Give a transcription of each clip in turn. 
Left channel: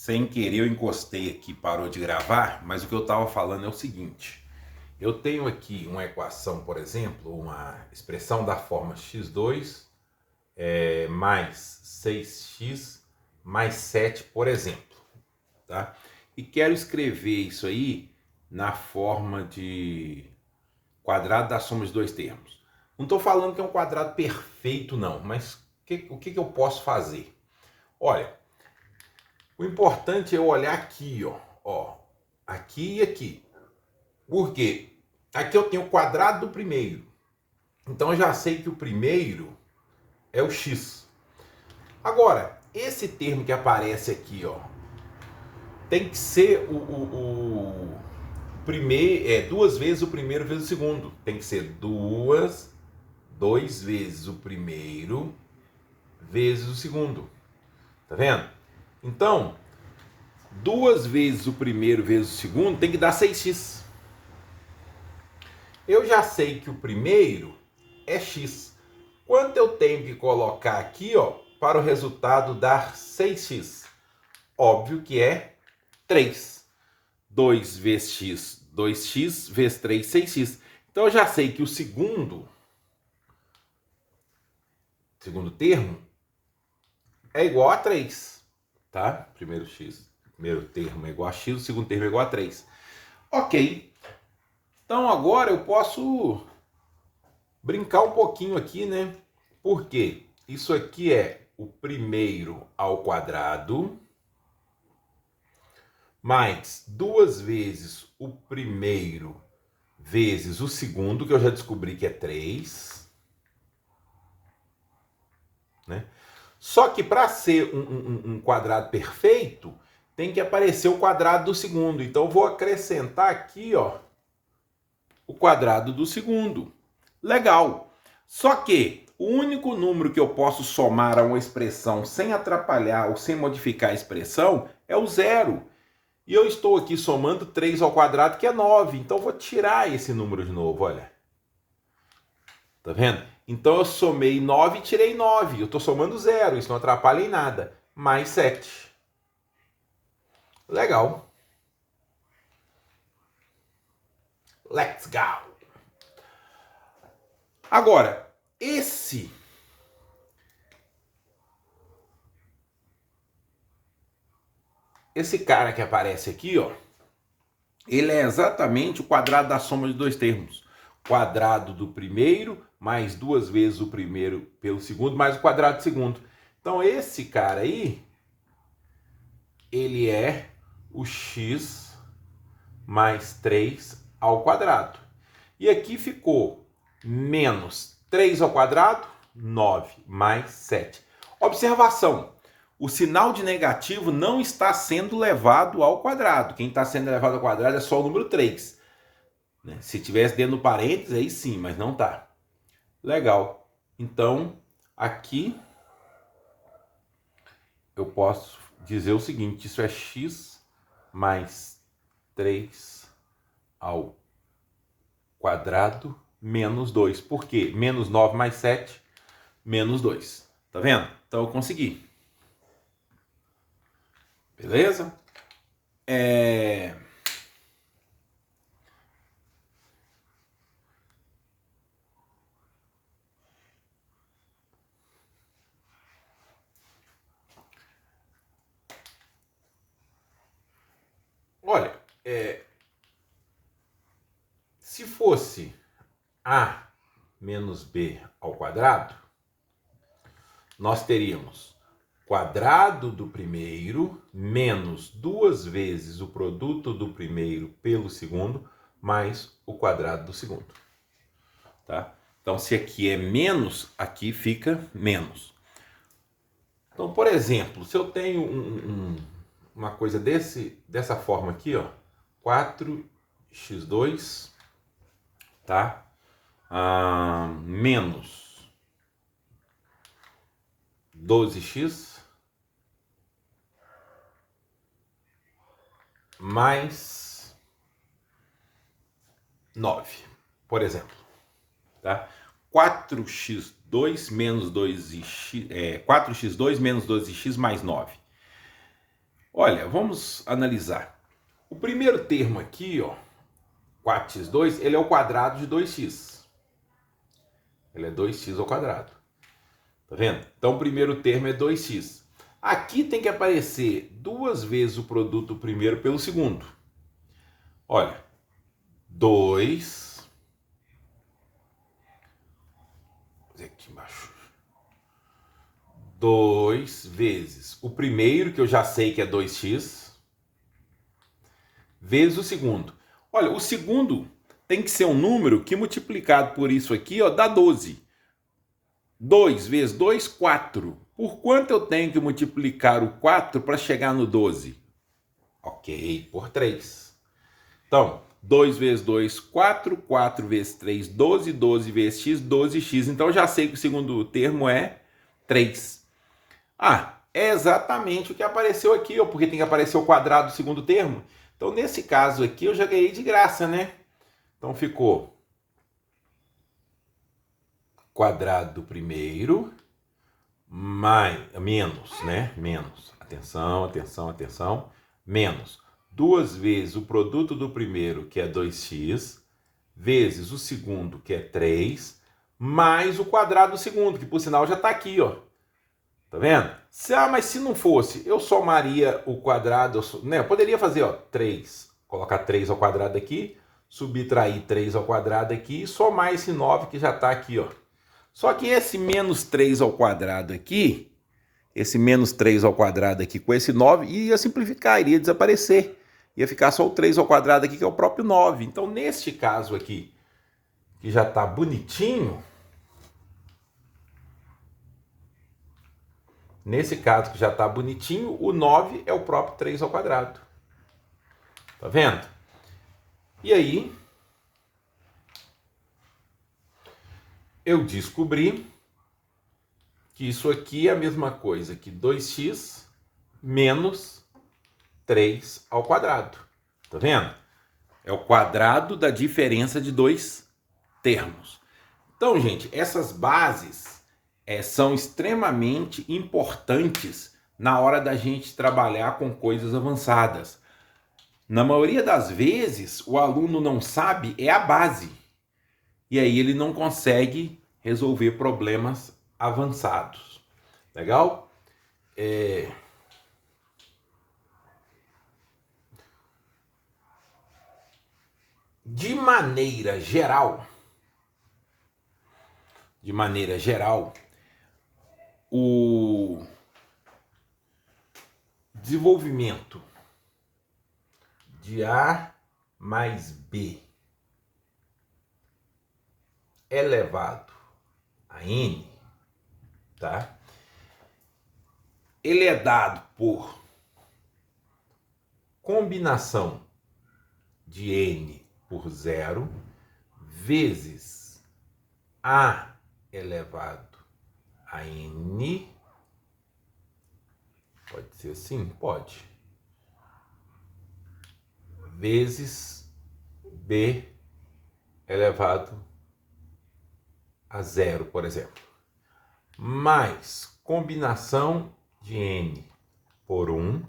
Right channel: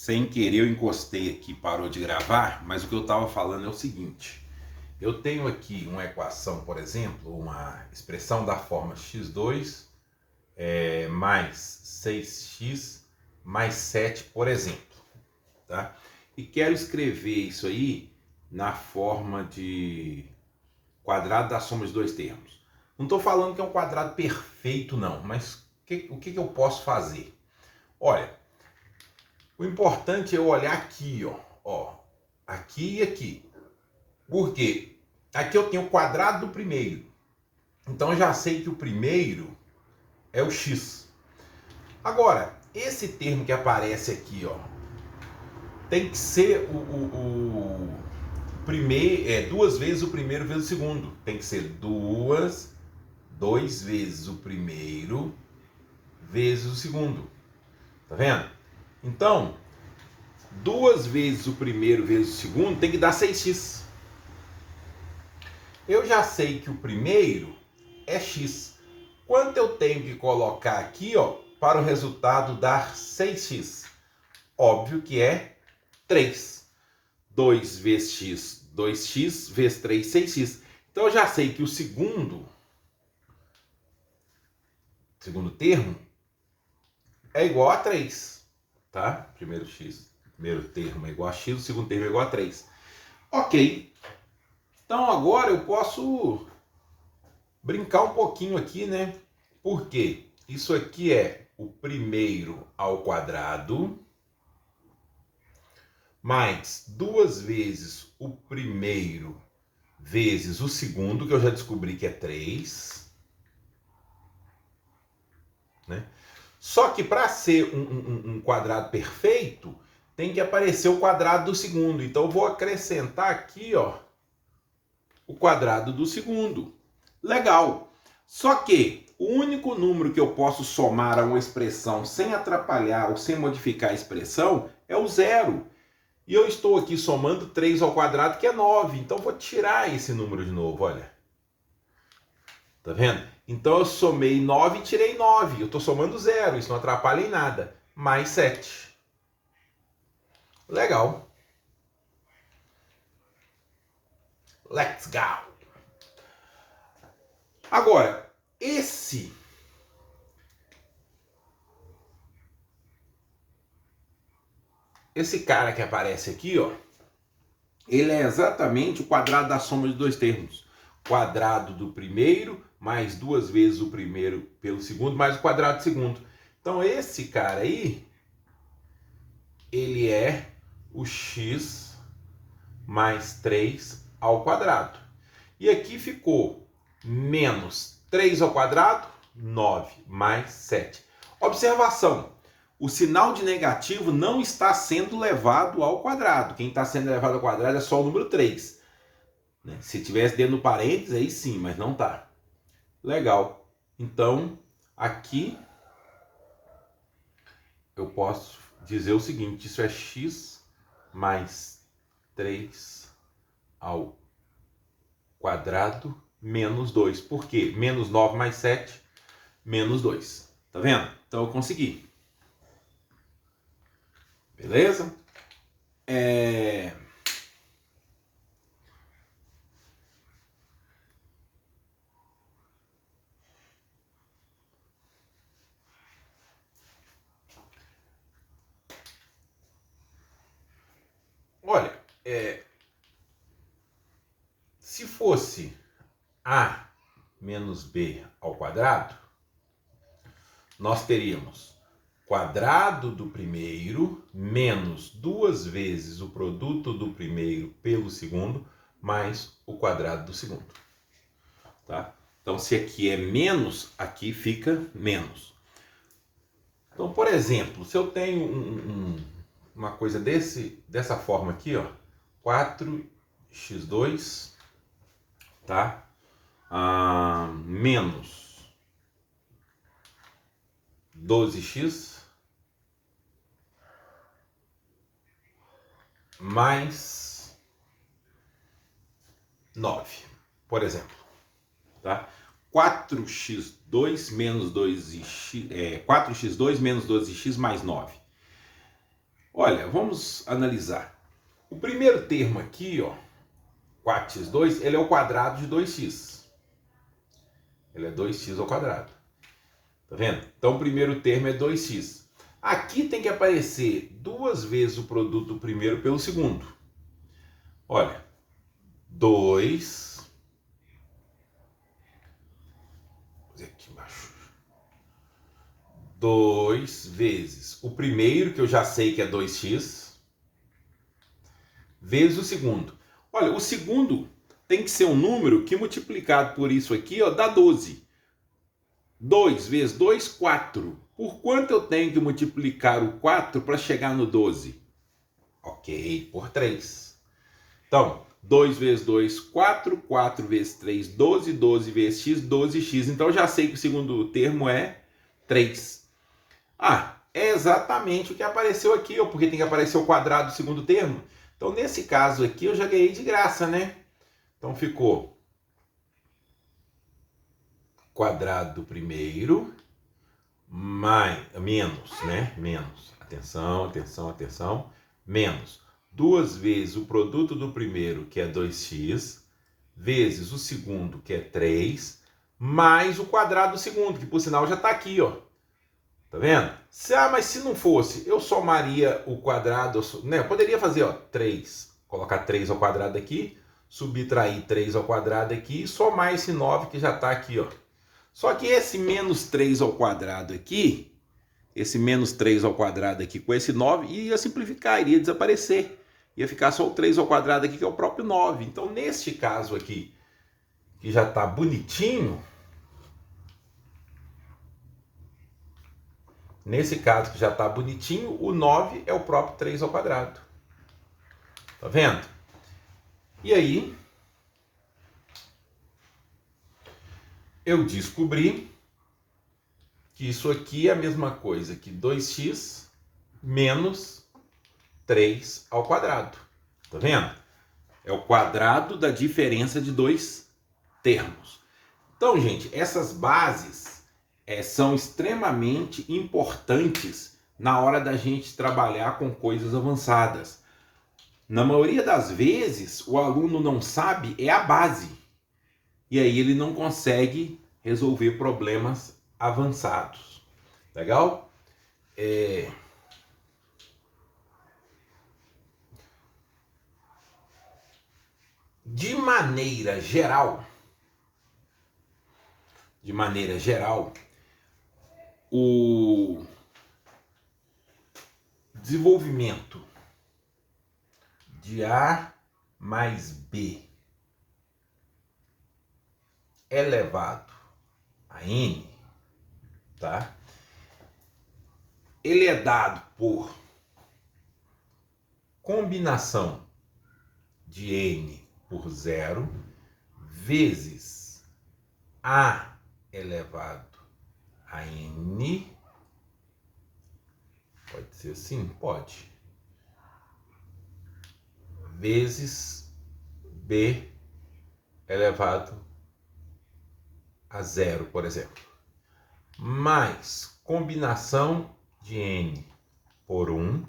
Sem querer eu encostei aqui, parou de gravar, mas o que eu estava falando é o seguinte. Eu tenho aqui uma equação, por exemplo, uma expressão da forma x2 mais 6x mais 7, por exemplo. Tá? E quero escrever isso aí na forma de quadrado da soma de dois termos. Não estou falando que é um quadrado perfeito, não, mas o que eu posso fazer? Olha, o importante é eu olhar aqui, ó, aqui e aqui. Por quê? Aqui eu tenho o quadrado do primeiro. Então eu já sei que o primeiro é o x. Agora, esse termo que aparece aqui, ó, tem que ser o primeiro, duas vezes o primeiro vezes o segundo. Tem que ser dois vezes o primeiro vezes o segundo. Tá vendo? Então, duas vezes o primeiro vezes o segundo tem que dar 6x. Eu já sei que o primeiro é x. Quanto eu tenho que colocar aqui, ó, para o resultado dar 6x? Óbvio que é 3. 2 vezes x, 2x, vezes 3, 6x. Então eu já sei que o segundo termo é igual a 3. Tá? Primeiro termo é igual a x, o segundo termo é igual a 3. Ok. Então agora eu posso brincar um pouquinho aqui, né? Porque isso aqui é o primeiro ao quadrado mais duas vezes o primeiro vezes o segundo, que eu já descobri que é 3. Né? Só que para ser um quadrado perfeito, tem que aparecer o quadrado do segundo. Então eu vou acrescentar aqui, ó, o quadrado do segundo. Legal. Só que o único número que eu posso somar a uma expressão sem atrapalhar ou sem modificar a expressão é o zero. E eu estou aqui somando 3 ao quadrado, que é 9. Então eu vou tirar esse número de novo, olha. Tá vendo? Então eu somei 9 e tirei 9. Eu estou somando zero, isso não atrapalha em nada. Mais 7. Legal. Let's go! Agora, esse cara que aparece aqui, ó, ele é exatamente o quadrado da soma de dois termos. Quadrado do primeiro mais duas vezes o primeiro pelo segundo mais o quadrado do segundo. Então esse cara aí, ele é o x mais 3 ao quadrado. E aqui ficou menos 3 ao quadrado, 9 mais 7. Observação, o sinal de negativo não está sendo levado ao quadrado. Quem está sendo levado ao quadrado é só o número 3. Se tivesse dentro do parênteses, aí sim, mas não está. Legal. Então, aqui eu posso dizer o seguinte, isso é x mais 3 ao quadrado menos 2. Por quê? Menos 9 mais 7, menos 2. Tá vendo? Então eu consegui. Beleza? Olha, se fosse a menos b ao quadrado, nós teríamos quadrado do primeiro menos duas vezes o produto do primeiro pelo segundo mais o quadrado do segundo. Tá? Então, se aqui é menos, aqui fica menos. Então, por exemplo, se eu tenho uma coisa dessa forma aqui, ó, 4x2, tá? Menos 12x mais 9, por exemplo, tá? 4x2 menos 2x, 4x2 menos 12x mais 9. Olha, vamos analisar. O primeiro termo aqui, ó, 4x2, ele é o quadrado de 2x. Ele é 2x ao quadrado. Tá vendo? Então o primeiro termo é 2x. Aqui tem que aparecer duas vezes o produto do primeiro pelo segundo. Olha, 2... Vou fazer aqui embaixo. 2 vezes o primeiro, que eu já sei que é 2x, vezes o segundo. Olha, o segundo tem que ser um número que multiplicado por isso aqui, ó, dá 12. 2 vezes 2, 4. Por quanto eu tenho que multiplicar o 4 para chegar no 12? Ok, por 3. Então, 2 vezes 2, 4. 4 vezes 3, 12. 12 vezes x, 12x. Então, eu já sei que o segundo termo é 3. Ah, é exatamente o que apareceu aqui, ó, porque tem que aparecer o quadrado do segundo termo. Então, nesse caso aqui, eu já ganhei de graça, né? Então, ficou quadrado do primeiro, menos, né? Menos. Atenção, atenção, atenção. Menos 2 vezes o produto do primeiro, que é 2x, vezes o segundo, que é 3, mais o quadrado do segundo, que por sinal já está aqui, ó. Tá vendo? Mas se não fosse, eu somaria o quadrado, né? Eu poderia fazer, ó, 3, colocar 3 ao quadrado aqui, subtrair 3 ao quadrado aqui e somar esse 9 que já está aqui, ó. Só que esse menos 3 ao quadrado aqui, esse menos 3 ao quadrado aqui com esse 9, ia simplificar, iria desaparecer. Ia ficar só o 3 ao quadrado aqui, que é o próprio 9. Então, neste caso aqui, que já está bonitinho, o 9 é o próprio 3 ao quadrado. Tá vendo? E aí, eu descobri que isso aqui é a mesma coisa que 2x menos 3 ao quadrado. Tá vendo? É o quadrado da diferença de dois termos. Então, gente, essas bases são extremamente importantes na hora da gente trabalhar com coisas avançadas. Na maioria das vezes, o aluno não sabe a base. E aí ele não consegue resolver problemas avançados. Legal? De maneira geral, o desenvolvimento de A mais B elevado a N, tá? Ele é dado por combinação de N por 0 vezes A elevado a N. Pode ser assim? Pode. Vezes B elevado a 0, por exemplo. Mais combinação de N por 1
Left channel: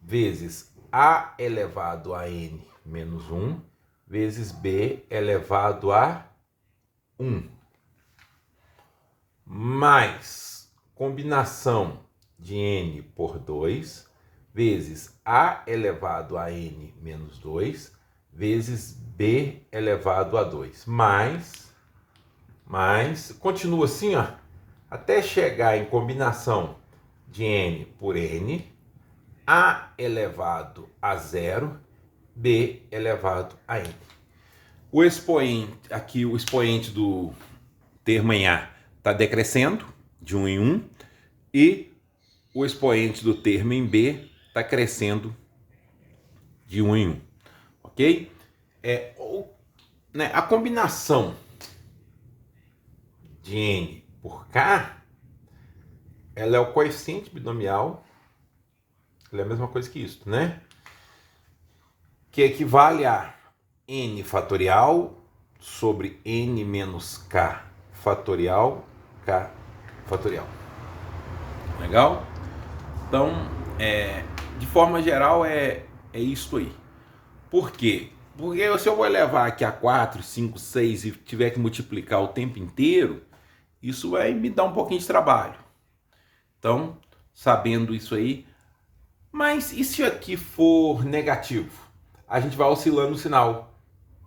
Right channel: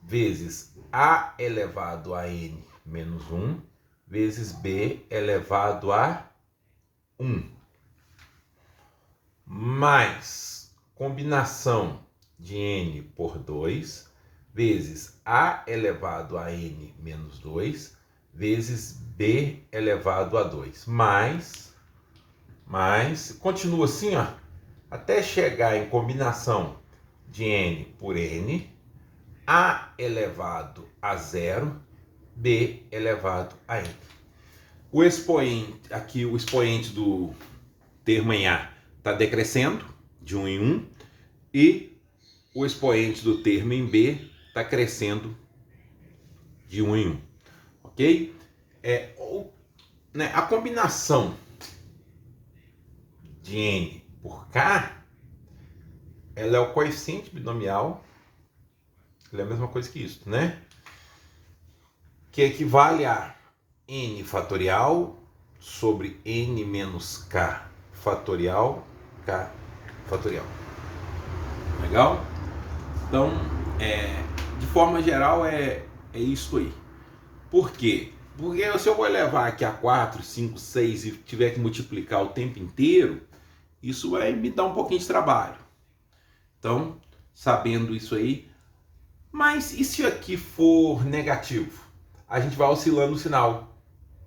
vezes A elevado a N menos 1 vezes B elevado a 1. Mais combinação de N por 2 vezes A elevado a N menos 2 vezes B elevado a 2. Mais, continua assim, ó, até chegar em combinação de N por N, A elevado a 0, B elevado a N. O expoente, aqui o expoente do termo em A está decrescendo de 1 em 1 e o expoente do termo em B está crescendo de 1 em 1, ok? A combinação de N por K, ela é o coeficiente binomial, ela é a mesma coisa que isso, né? Que equivale a N fatorial sobre N menos K fatorial, K fatorial. Legal? Então, de forma geral, é isso aí. Por quê? Porque se eu vou levar aqui a 4, 5, 6 e tiver que multiplicar o tempo inteiro, isso vai me dar um pouquinho de trabalho. Então, sabendo isso aí, mas e se aqui for negativo? A gente vai oscilando o sinal.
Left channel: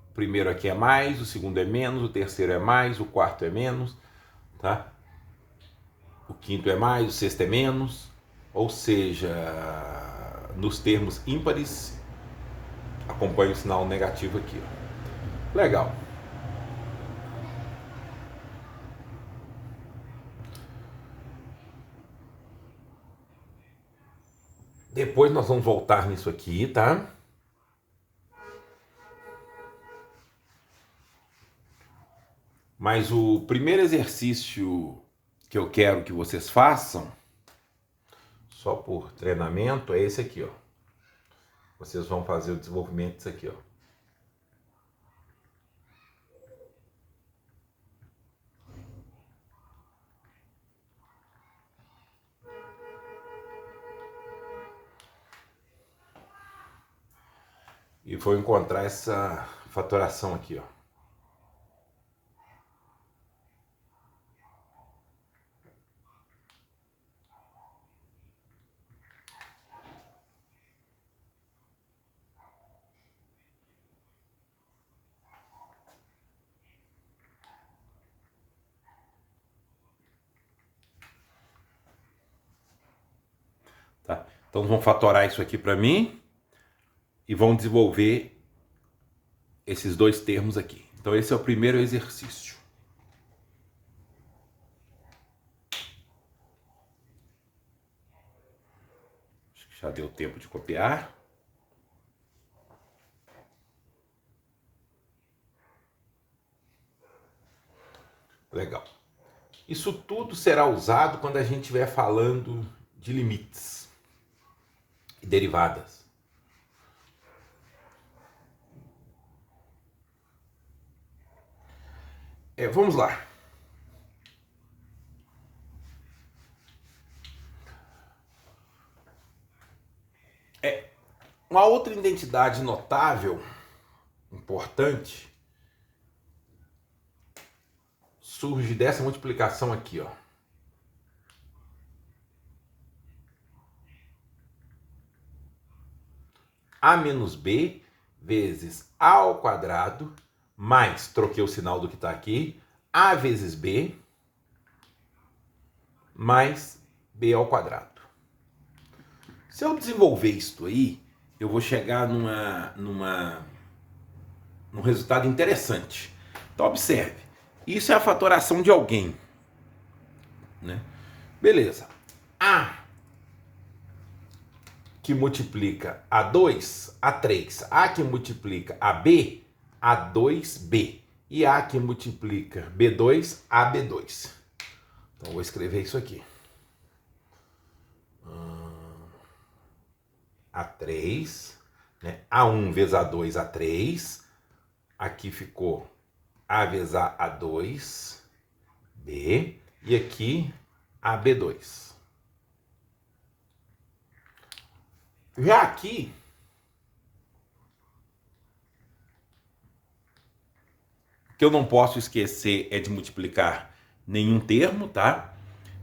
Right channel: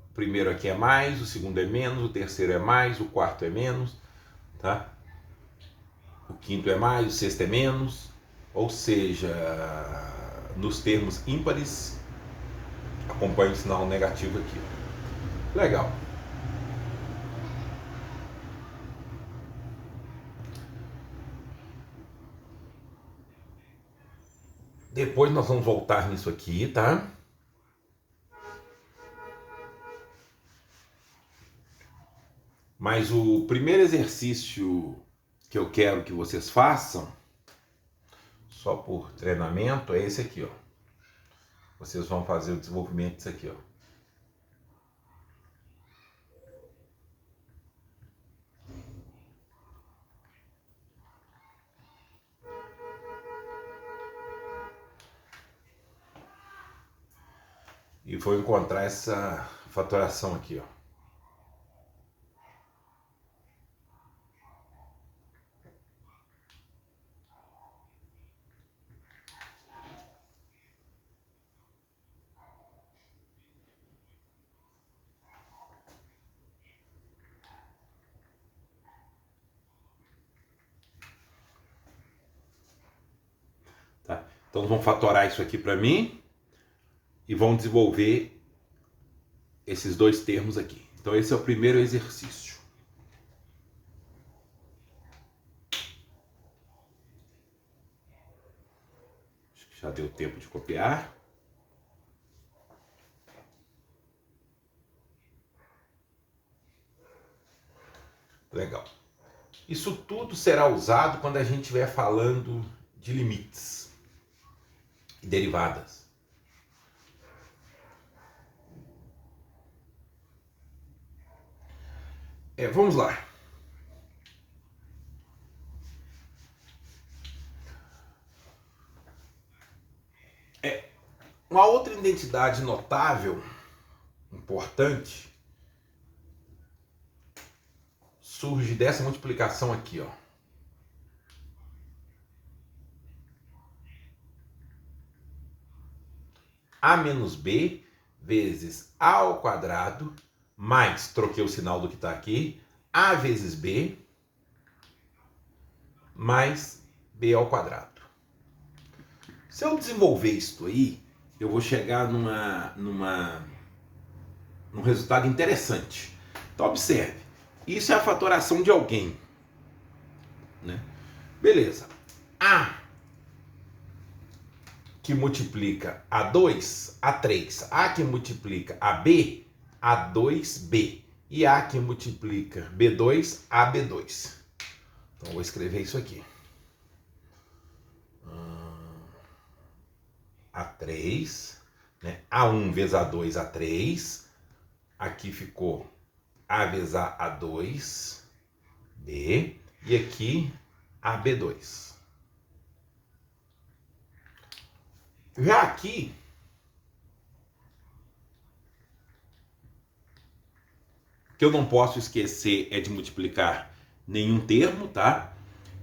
O primeiro aqui é mais, o segundo é menos, o terceiro é mais, o quarto é menos, tá? O quinto é mais, o sexto é menos. Ou seja, nos termos ímpares, acompanha o sinal negativo aqui. Ó. Legal. Depois nós vamos voltar nisso aqui, tá? Mas o primeiro exercício que eu quero que vocês façam, só por treinamento, é esse aqui, ó. Vocês vão fazer o desenvolvimento disso aqui, ó. E vou encontrar essa fatoração aqui, ó. Tá? Então vão fatorar isso aqui para mim e vão desenvolver esses dois termos aqui. Então esse é o primeiro exercício. Acho que já deu tempo de copiar. Legal. Isso tudo será usado quando a gente estiver falando de limites e derivadas. Vamos lá. Uma outra identidade notável, importante, surge dessa multiplicação aqui, ó. A menos B vezes A ao quadrado, mais, troquei o sinal do que está aqui, A vezes B, mais B ao quadrado. Se eu desenvolver isso aí, eu vou chegar num resultado interessante. Então, observe. Isso é a fatoração de alguém. Né? Beleza. A que multiplica A2, A3. A que multiplica AB, A2B. E A que multiplica B2, AB2. Então, vou escrever isso aqui. A3, né? A1 vezes A2, A3. Aqui ficou A vezes A2, B. E aqui AB2. Já aqui, o que eu não posso esquecer é de multiplicar nenhum termo, tá?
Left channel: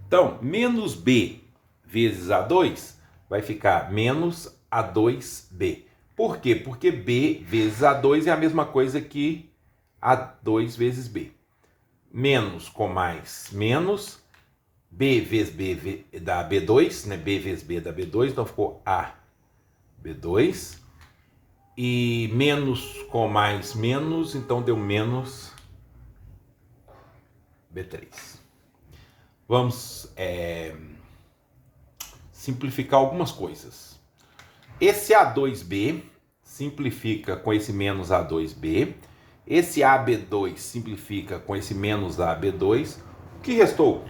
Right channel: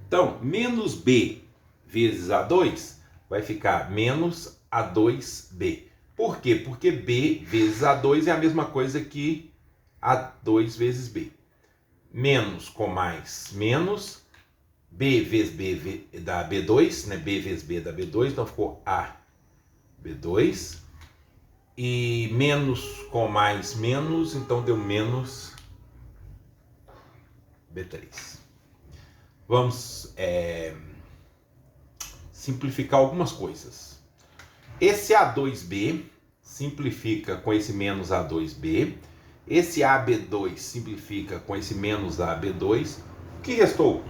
Então, menos B vezes A2 vai ficar menos A2B. Por quê? Porque B vezes A2 é a mesma coisa que A2 vezes B. Menos com mais menos, B vezes B dá B2, né? B vezes B dá B2, então ficou AB2. E menos com mais menos, então deu menos B3. Vamos simplificar algumas coisas. Esse A2B simplifica com esse menos A2B. Esse AB2 simplifica com esse menos AB2. O que restou?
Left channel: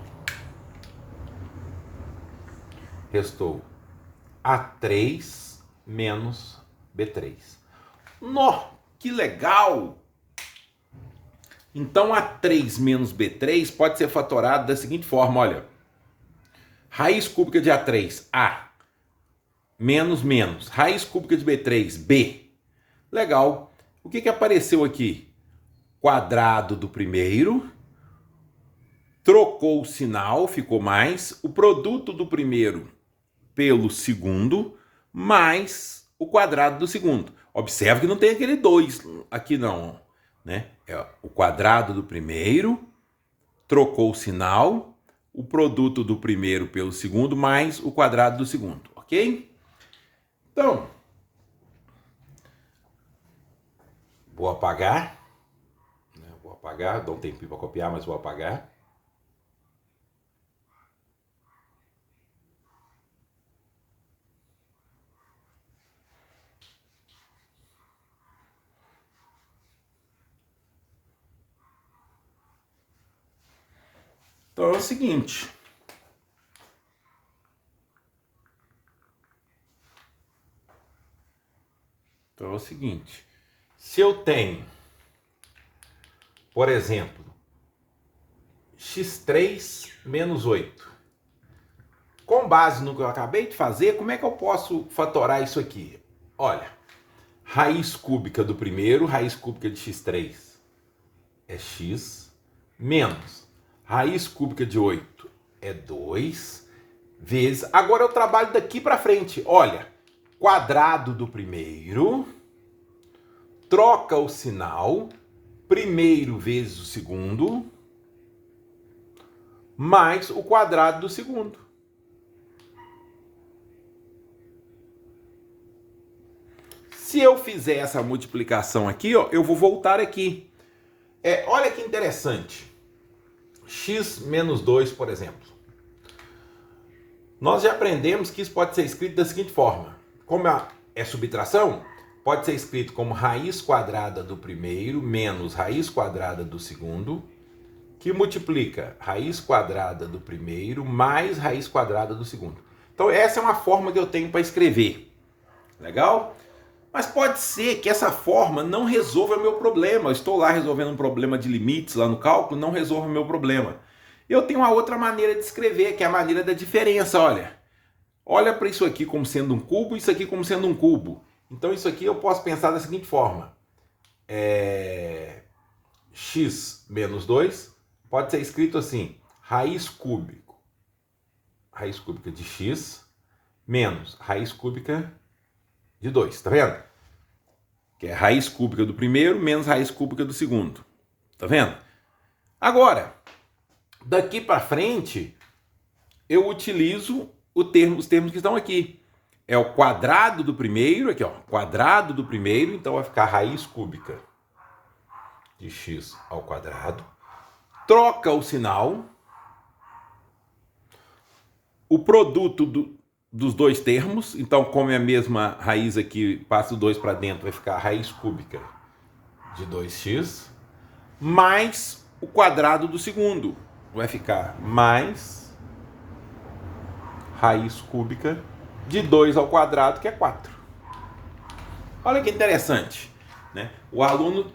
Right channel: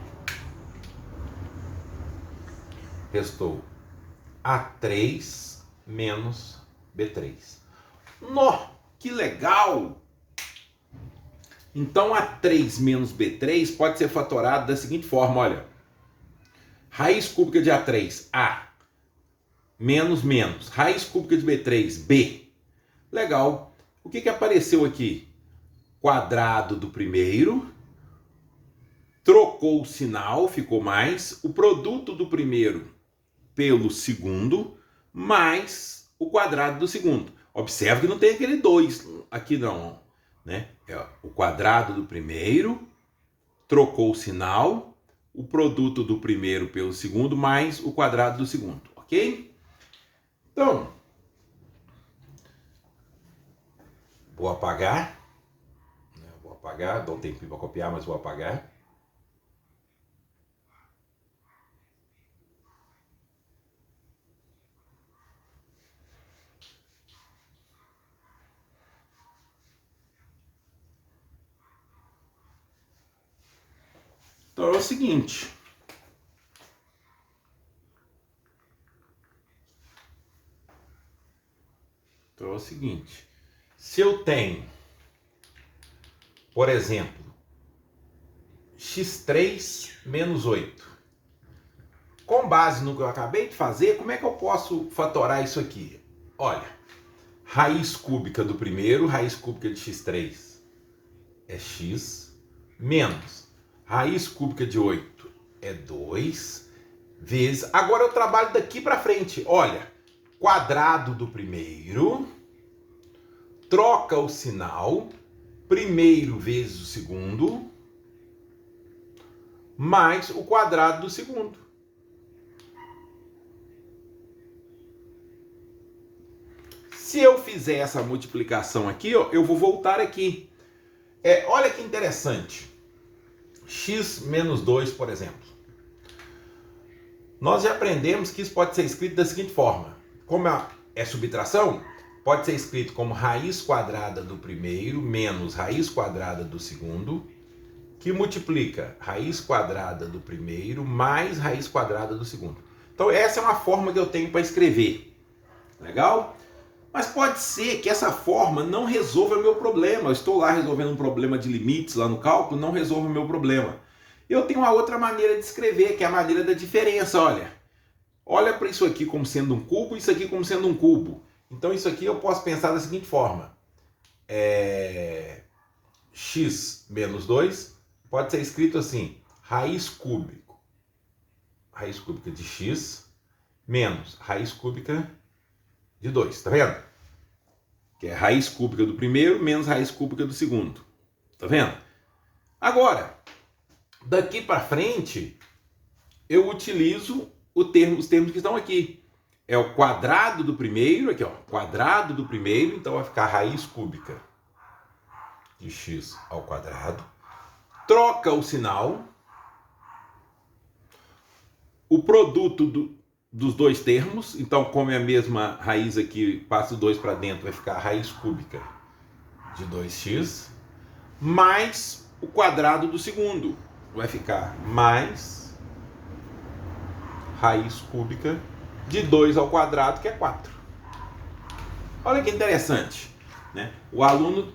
Restou A3 menos B3. Nó, que legal! Então A3 menos B3 pode ser fatorado da seguinte forma, olha. Raiz cúbica de A3, A. menos menos. Raiz cúbica de B3, B. Legal. O que apareceu aqui? Quadrado do primeiro. Trocou o sinal, ficou mais. O produto do primeiro pelo segundo, mais o quadrado do segundo. Observe que não tem aquele 2 aqui não, né? É o quadrado do primeiro, trocou o sinal, o produto do primeiro pelo segundo, mais o quadrado do segundo, ok? Então, vou apagar, dá um tempinho para copiar, mas vou apagar. Então é o seguinte. Se eu tenho, por exemplo, x3 menos 8, com base no que eu acabei de fazer, como é que eu posso fatorar isso aqui? Olha, raiz cúbica do primeiro, raiz cúbica de x3 é x, menos raiz cúbica de 8 é 2, vezes... Agora eu trabalho daqui para frente. Olha, quadrado do primeiro, troca o sinal, primeiro vezes o segundo, mais o quadrado do segundo. Se eu fizer essa multiplicação aqui, ó, eu vou voltar aqui. Olha que interessante. X menos 2, por exemplo. Nós já aprendemos que isso pode ser escrito da seguinte forma. Como é subtração, pode ser escrito como raiz quadrada do primeiro menos raiz quadrada do segundo, que multiplica raiz quadrada do primeiro mais raiz quadrada do segundo. Então essa é uma forma que eu tenho para escrever. Legal? Mas pode ser que essa forma não resolva o meu problema. Eu estou lá resolvendo um problema de limites lá no cálculo, não resolve o meu problema. Eu tenho uma outra maneira de escrever, que é a maneira da diferença. Olha para isso aqui como sendo um cubo e isso aqui como sendo um cubo. Então isso aqui eu posso pensar da seguinte forma. X menos 2 pode ser escrito assim. Raiz cúbica de x menos raiz cúbica de 2. Tá vendo? Que é raiz cúbica do primeiro menos raiz cúbica do segundo. Tá vendo? Agora, daqui para frente, eu utilizo os termos que estão aqui. É o quadrado do primeiro, aqui ó, quadrado do primeiro, então vai ficar raiz cúbica de x ao quadrado. Troca o sinal. O produto dos dois termos, então como é a mesma raiz aqui, passa o 2 para dentro, vai ficar raiz cúbica de 2x, mais o quadrado do segundo, vai ficar mais raiz cúbica de 2 ao quadrado, que é 4. Olha que interessante, né? O aluno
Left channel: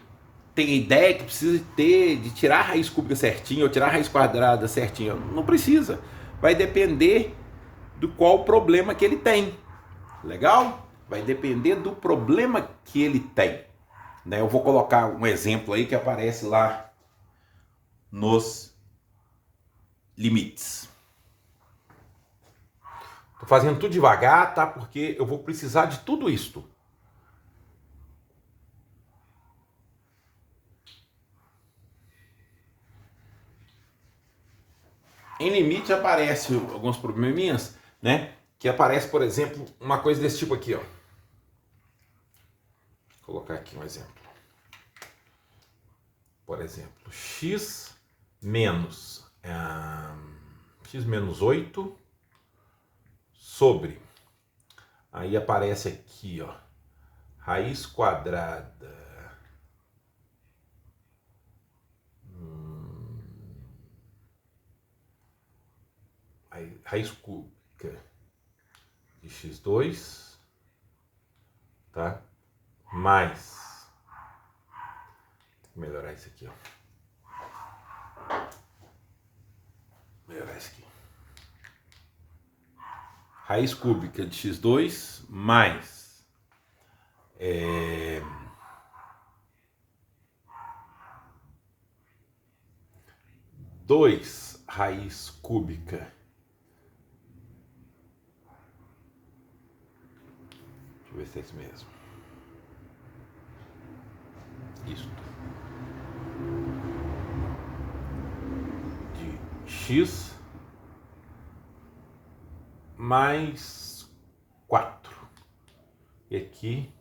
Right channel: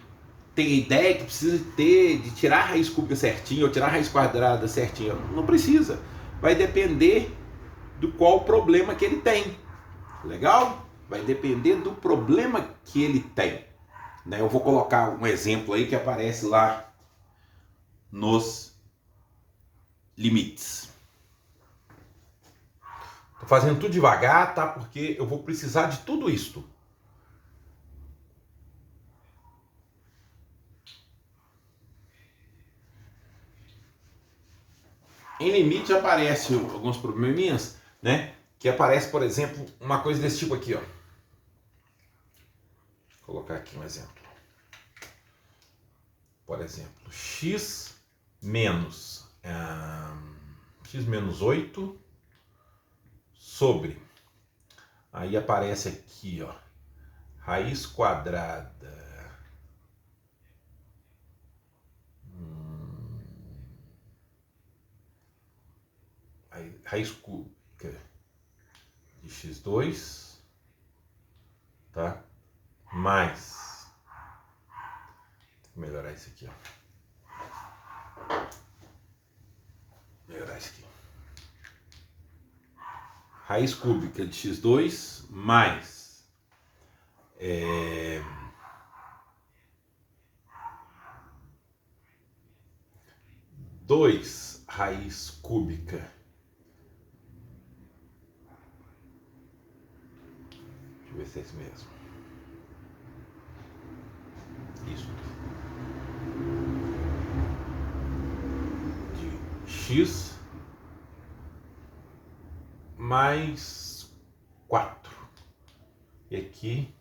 tem a ideia que precisa de tirar a raiz cúbica certinho, ou tirar a raiz quadrada certinho. Não precisa, vai depender do qual problema que ele tem. Legal? Vai depender do problema que ele tem. Né? Eu vou colocar um exemplo aí que aparece lá nos limites. Estou fazendo tudo devagar, tá? Porque eu vou precisar de tudo isto. Em limite aparece alguns probleminhas, né? Que aparece, por exemplo, uma coisa desse tipo aqui, ó. Vou colocar aqui um exemplo. Por exemplo, x menos 8 sobre, aí aparece aqui, ó, raiz quadrada raiz cúbica de x2, tá? Mais, vou melhorar isso aqui, ó. Melhorar isso aqui. raiz cúbica de x2 mais 2 raiz cúbica. Deixa eu ver se é isso mesmo. Isso. De x mais 4. E aqui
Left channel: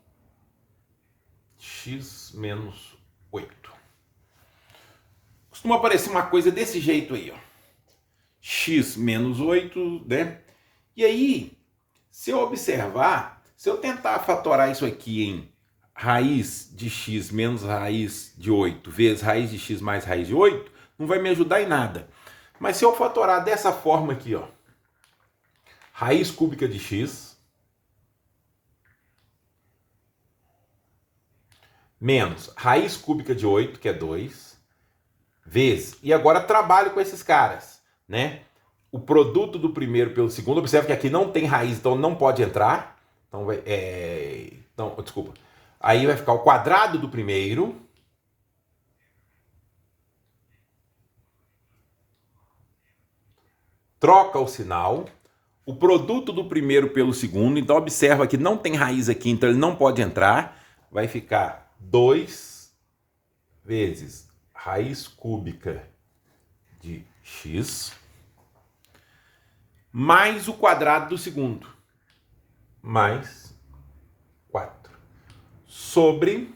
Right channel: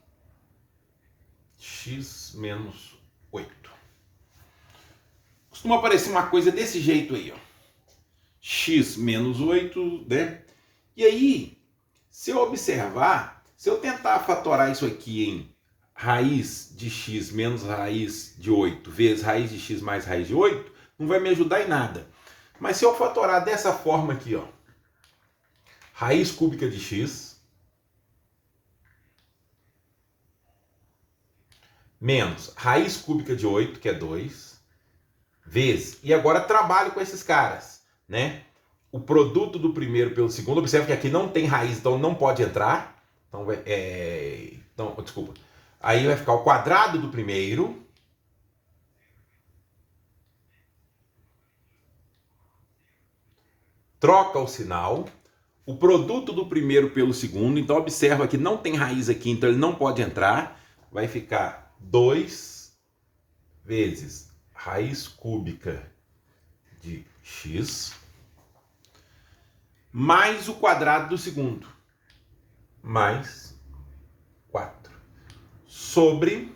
x menos 8. Costuma aparecer uma coisa desse jeito aí, ó. X menos 8, né? E aí, se eu observar, se eu tentar fatorar isso aqui em raiz de x menos raiz de 8 vezes raiz de x mais raiz de 8, não vai me ajudar em nada. Mas se eu fatorar dessa forma aqui, ó, raiz cúbica de x menos raiz cúbica de 8, que é 2, vezes, e agora trabalho com esses caras, né? O produto do primeiro pelo segundo, observe que aqui não tem raiz, então não pode entrar. Então, desculpa. Aí vai ficar o quadrado do primeiro troca o sinal, o produto do primeiro pelo segundo, então observa que não tem raiz aqui, então ele não pode entrar, vai ficar 2 vezes raiz cúbica de x mais o quadrado do segundo, mais 4, sobre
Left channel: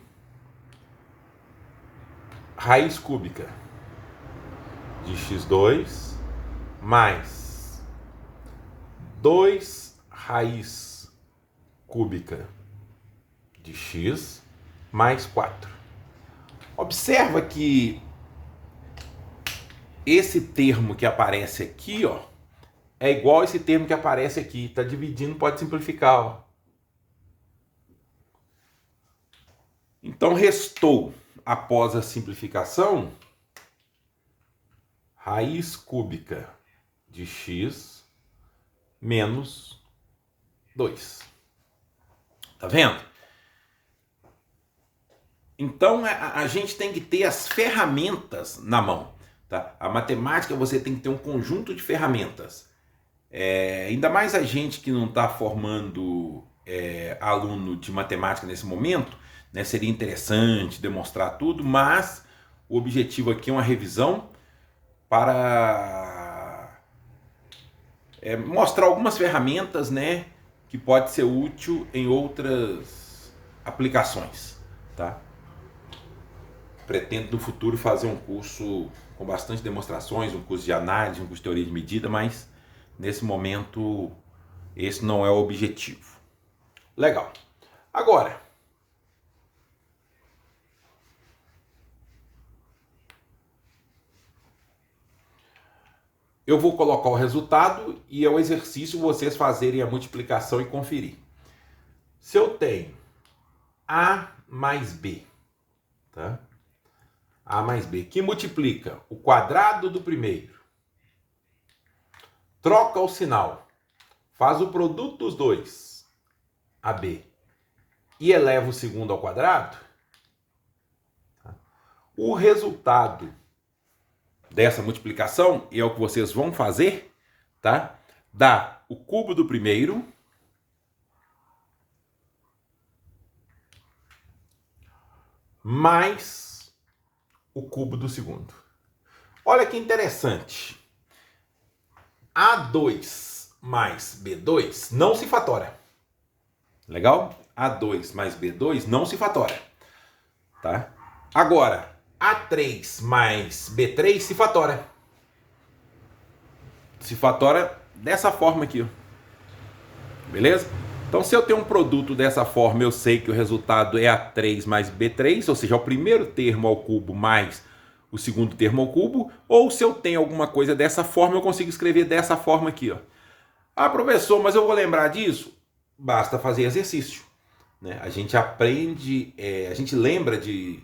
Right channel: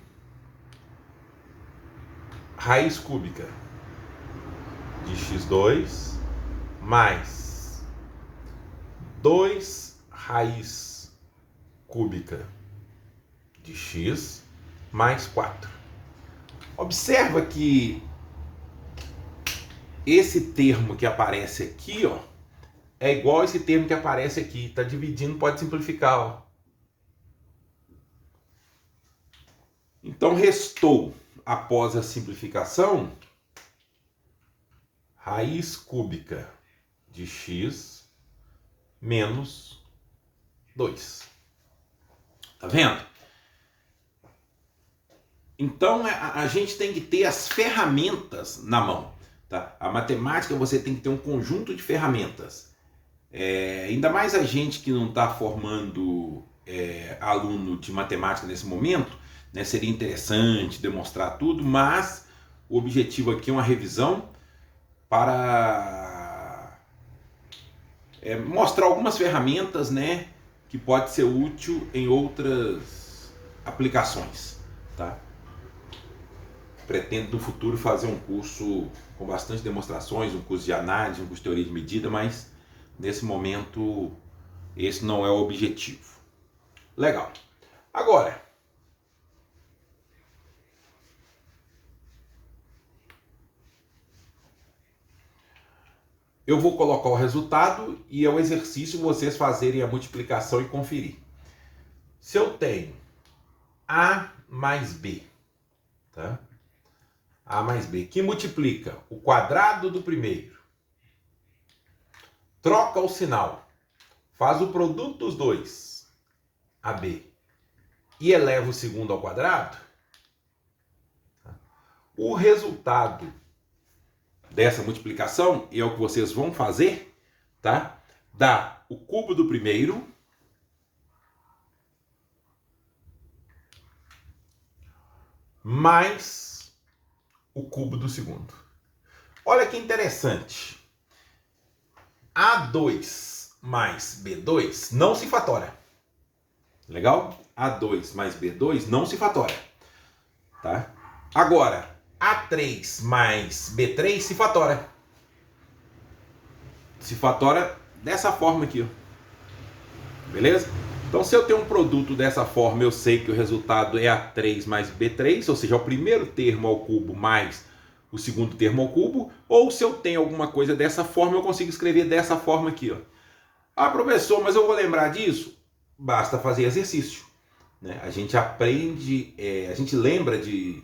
raiz cúbica de x2 mais 2 raiz cúbica de x mais 4. Observa que esse termo que aparece aqui, ó, é igual esse termo que aparece aqui. Está dividindo, pode simplificar, ó. Então, restou, após a simplificação, raiz cúbica de x menos 2. Tá vendo? Então, a gente tem que ter as ferramentas na mão. Tá? A matemática, você tem que ter um conjunto de ferramentas. Ainda mais a gente que não está formando aluno de matemática nesse momento, né? Seria interessante demonstrar tudo, mas o objetivo aqui é uma revisão para mostrar algumas ferramentas, né, que pode ser útil em outras aplicações, tá? Pretendo no futuro fazer um curso com bastante demonstrações, um curso de análise, um curso de teoria de medida, mas nesse momento esse não é o objetivo. Legal. Agora, eu vou colocar o resultado e é o exercício vocês fazerem a multiplicação e conferir. Se eu tenho A mais B, tá? A mais B, que multiplica o quadrado do primeiro, troca o sinal, faz o produto dos dois, AB, e eleva o segundo ao quadrado, o resultado dessa multiplicação, e é o que vocês vão fazer, tá? Dá o cubo do primeiro mais o cubo do segundo. Olha que interessante. A2 mais B2 não se fatora. Legal? A2 mais B2 não se fatora. Tá? Agora, A3 mais B3 se fatora. Se fatora dessa forma aqui, ó. Beleza? Então, se eu tenho um produto dessa forma, eu sei que o resultado é A3 mais B3, ou seja, é o primeiro termo ao cubo mais o segundo termo ao cubo. Ou se eu tenho alguma coisa dessa forma, eu consigo escrever dessa forma aqui, ó. Ah, professor, mas eu vou lembrar disso? Basta fazer exercício, né? A gente aprende, a gente lembra de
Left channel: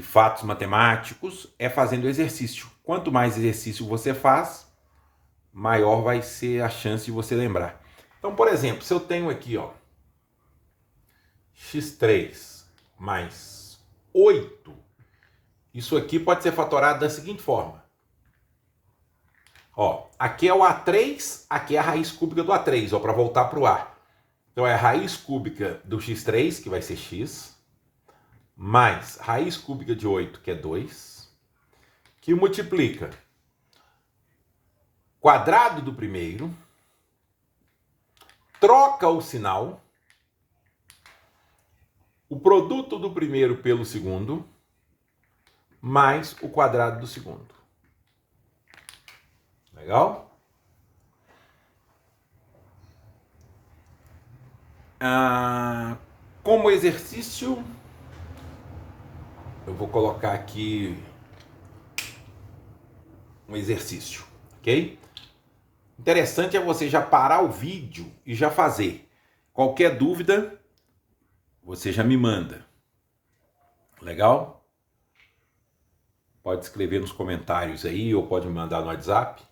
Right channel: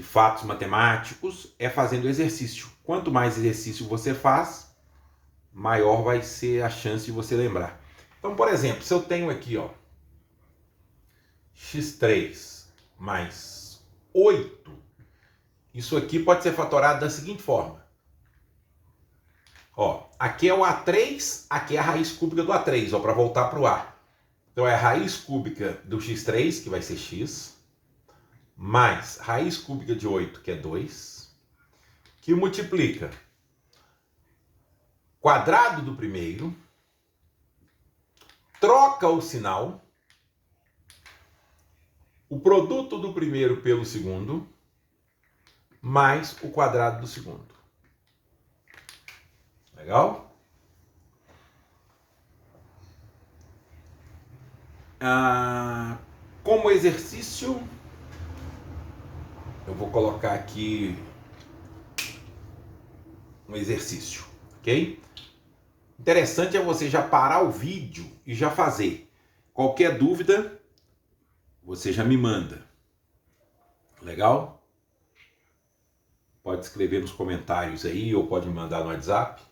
fatos matemáticos fazendo exercício. Quanto mais exercício você faz, maior vai ser a chance de você lembrar. Então, por exemplo, se eu tenho aqui, ó, x3 mais 8, isso aqui pode ser fatorado da seguinte forma. Ó, aqui é o A3, aqui é a raiz cúbica do A3, ó, para voltar para o A. Então é a raiz cúbica do x3, que vai ser x, mais raiz cúbica de 8, que é 2, que multiplica quadrado do primeiro, troca o sinal, o produto do primeiro pelo segundo, mais o quadrado do segundo. Legal? Como exercício, eu vou colocar aqui um exercício, ok? Interessante é você já parar o vídeo e já fazer. Qualquer dúvida, você já me manda. Legal? Pode escrever nos comentários aí ou pode me mandar no WhatsApp.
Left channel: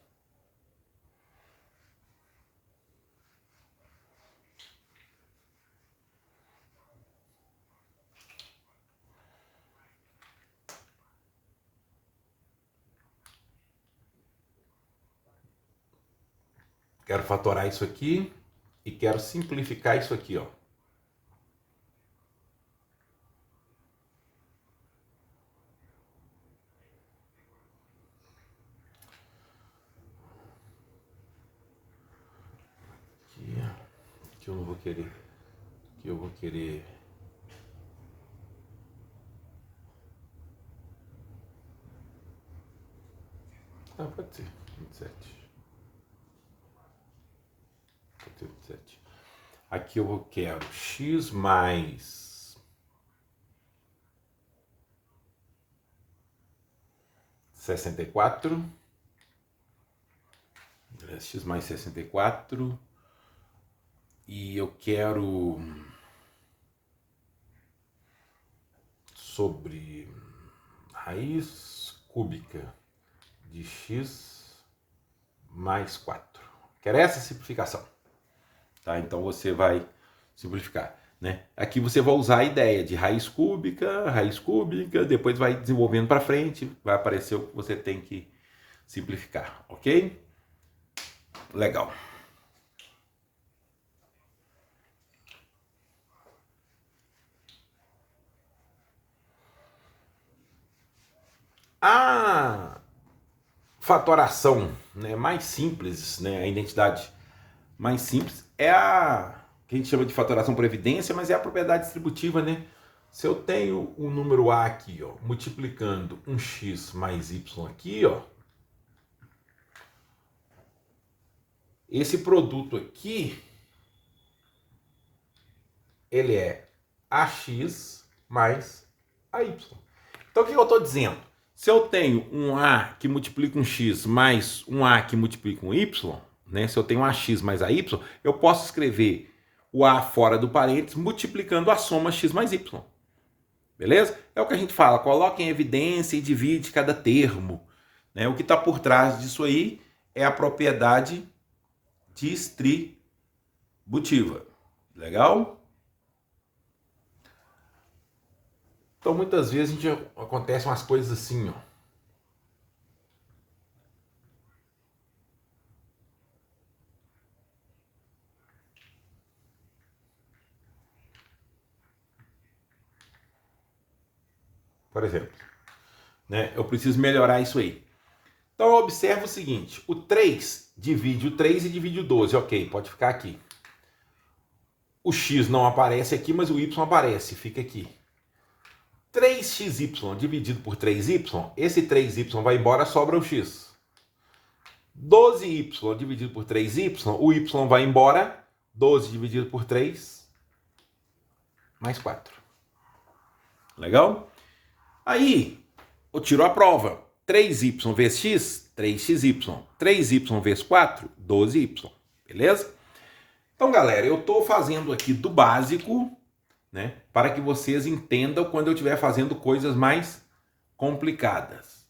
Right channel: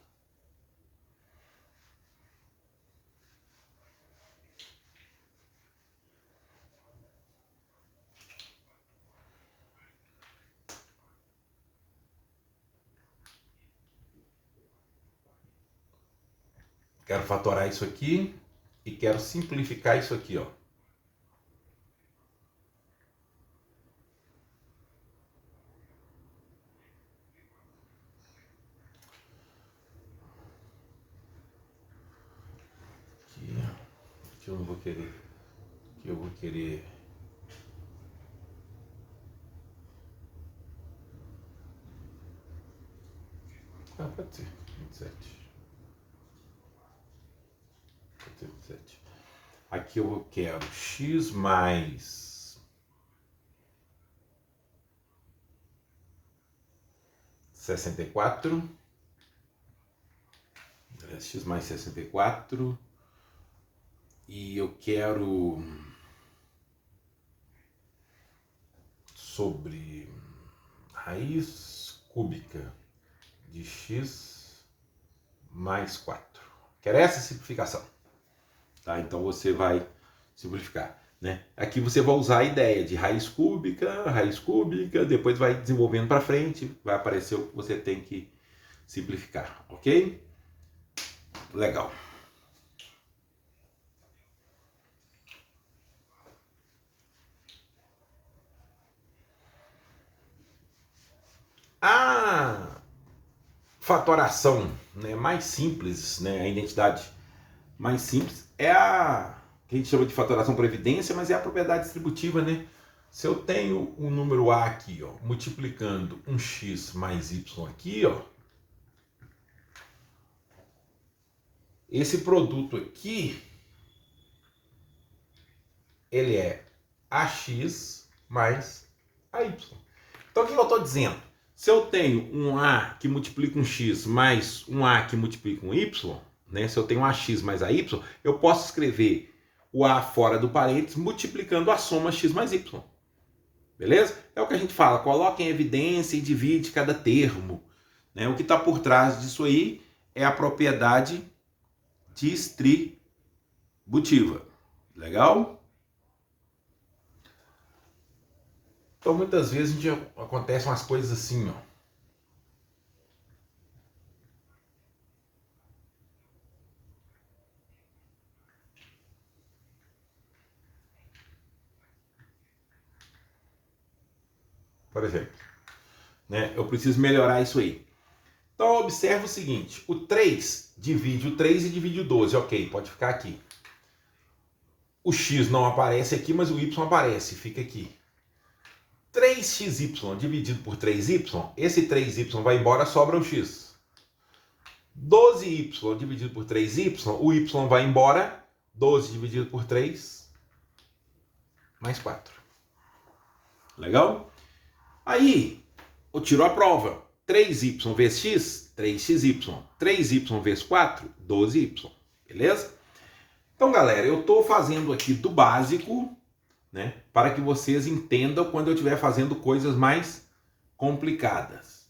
Quero fatorar isso aqui e quero simplificar isso aqui, ó. Aqui eu não vou querer. Aqui eu vou querer. Ah, pode ser. 27. Pode ser 27. Aqui eu quero x mais 64. X mais 64. E eu quero sobre raiz cúbica de x mais 4. Quero essa simplificação. Tá? Então você vai simplificar. Né? Aqui você vai usar a ideia de raiz cúbica, depois vai desenvolvendo para frente, vai aparecer o que você tem que simplificar, ok? Legal. A fatoração, né, mais simples, né, a identidade mais simples é a que a gente chama de fatoração por evidência, mas é a propriedade distributiva, né? Se eu tenho um número A aqui, ó, multiplicando um x mais y aqui, ó, esse produto aqui, ele é ax mais ay. Então o que eu estou dizendo? Se eu tenho um A que multiplica um X mais um A que multiplica um Y, né? Se eu tenho um AX mais AY, eu posso escrever o A fora do parênteses multiplicando a soma X mais Y. Beleza? É o que a gente fala, coloca em evidência e divide cada termo. Né? O que está por trás disso aí é a propriedade distributiva. Legal? Então, muitas vezes acontecem umas coisas assim, ó. Por exemplo, né? Eu preciso melhorar isso aí. Então, eu observo o seguinte, o 3 divide o 3 e divide o 12, ok, pode ficar aqui. O x não aparece aqui, mas o y aparece, fica aqui. 3xy dividido por 3y, esse 3y vai embora, sobra o x. 12y dividido por 3y, o y vai embora, 12 dividido por 3, mais 4. Legal? Aí, eu tiro a prova. 3y vezes x, 3xy. 3y vezes 4, 12y. Beleza? Então, galera, eu estou fazendo aqui do básico, né, para que vocês entendam quando eu estiver fazendo coisas mais complicadas.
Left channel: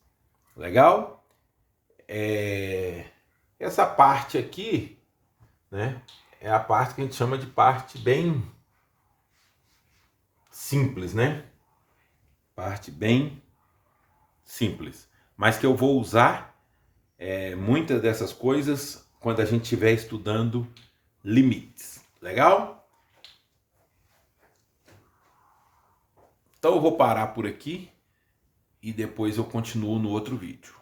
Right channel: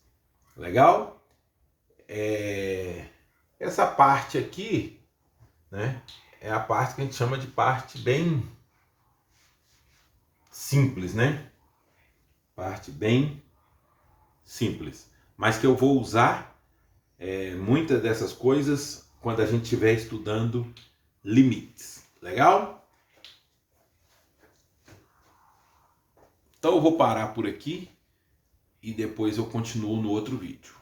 Legal? Essa parte aqui, né, é a parte que a gente chama de parte bem simples, né? Parte bem simples. Mas que eu vou usar muitas dessas coisas quando a gente estiver estudando limites. Legal? Então eu vou parar por aqui e depois eu continuo no outro vídeo.